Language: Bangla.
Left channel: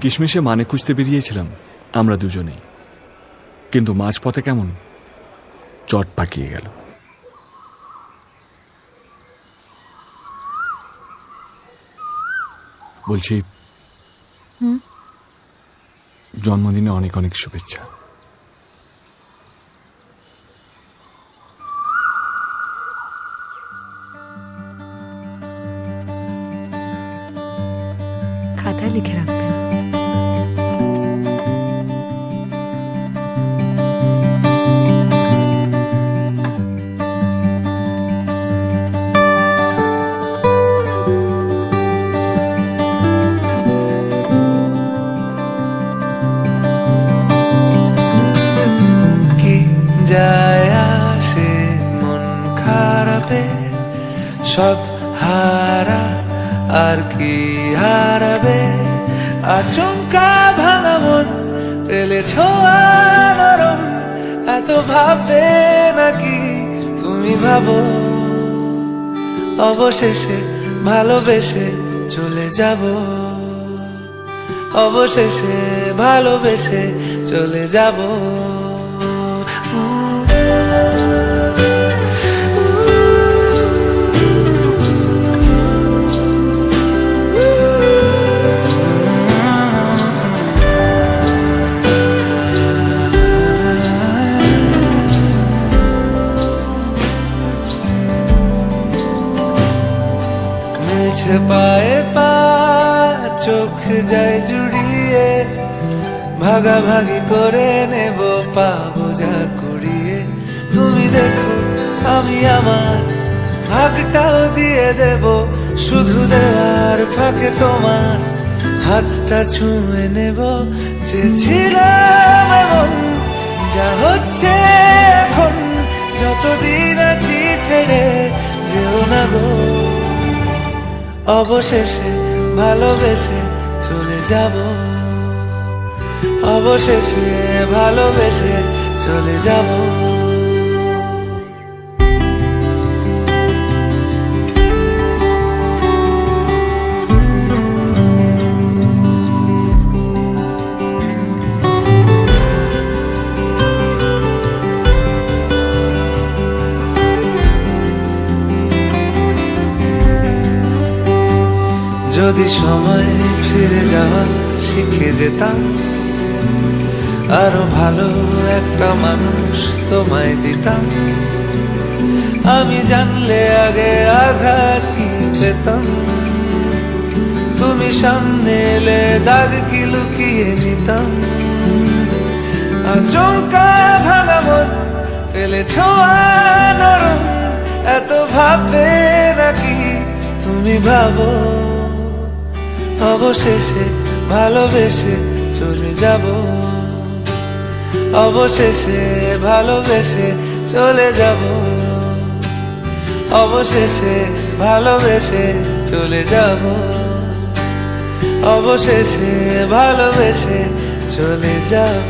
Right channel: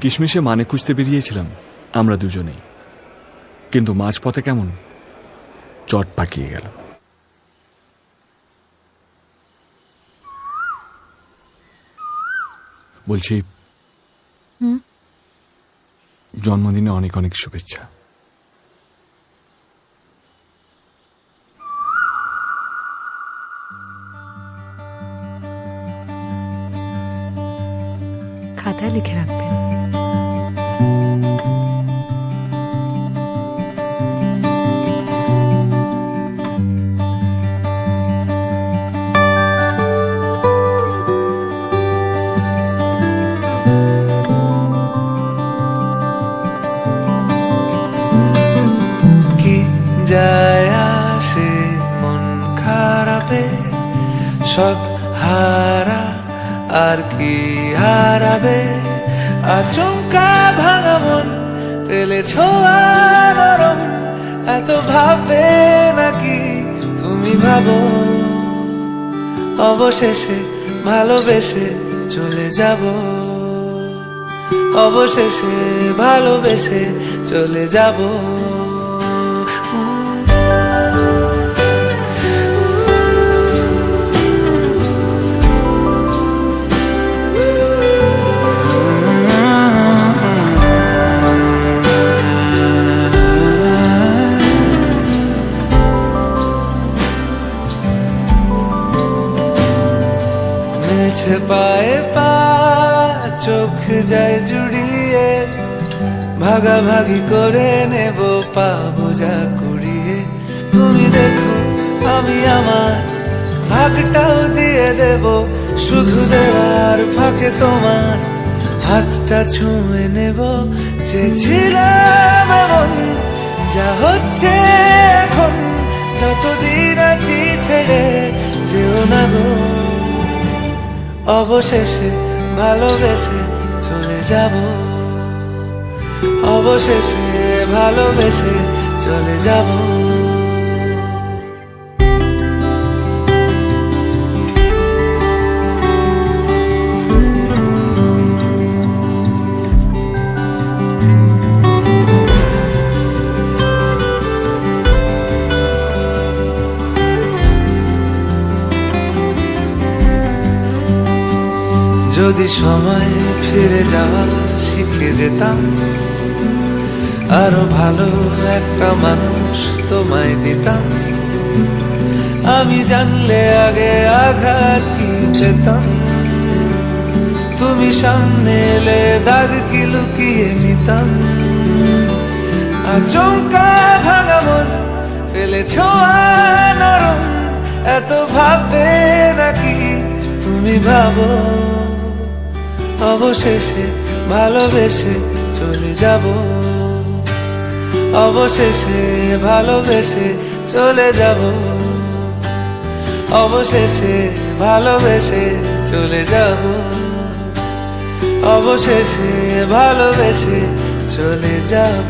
কিশমিশে মানে খুঁজতে বেরিয়েছিলাম আমরা দুজনেই, কিন্তু মাঝপথে কেমন চট পাকিয়ে গেল। বলছি, জন্মদিনে অনেক অনেক শুভেচ্ছা। খাতায় লিখে রাখবেন। কি যায় আসে মন খারাপে, সব হারা আর কি হারাবে, আচমকা ভাঙা মন পেলে ছোঁয়া নরম, এত ভাববে নাকি তুমি ভাবো, অবশেষে ভালোবেসে চলে যাব, অবশেষে ভালোবেসে চলে যাব। মিলছে পায়ে পা, চোখ যায় জুড়িয়ে, ভাগাভাগি করে নেব পাবো যা কুড়িয়ে। তুমি দেখো আমি আমার ভাগটাও দিয়ে দেব, শুধু দেওয়ার ফাঁকে তোমার হাতটা ছুঁয়ে নেব। চেয়েছিলাম এমন, যা হচ্ছে এখন, যতদিন আছি ছেড়ে যেও না গো, অবশেষে ভালোবেসে চলে যাব, অবশেষে ভালোবেসে চলে যাব। যদি সময় ফিরে যাওয়া শিখে যেতাম, আরো ভালো একটা মানুষ তোমায় দিতাম, আমি জানলে আগে আঘাত কি পেতাম, তুমি সামনে এলে দাগ কি লুকিয়ে নিতাম, আচমকা ভাঙা মন পেলে ছোঁয়া নরম, এত ভাববে নাকি তুমি ভাবো, অবশেষে ভালোবেসে চলে যাব, অবশেষে ভালোবেসে চলে যাব, অবশেষে ভালোবেসে চলে যাব, অবশেষে ভালোবেসে চলে যাব।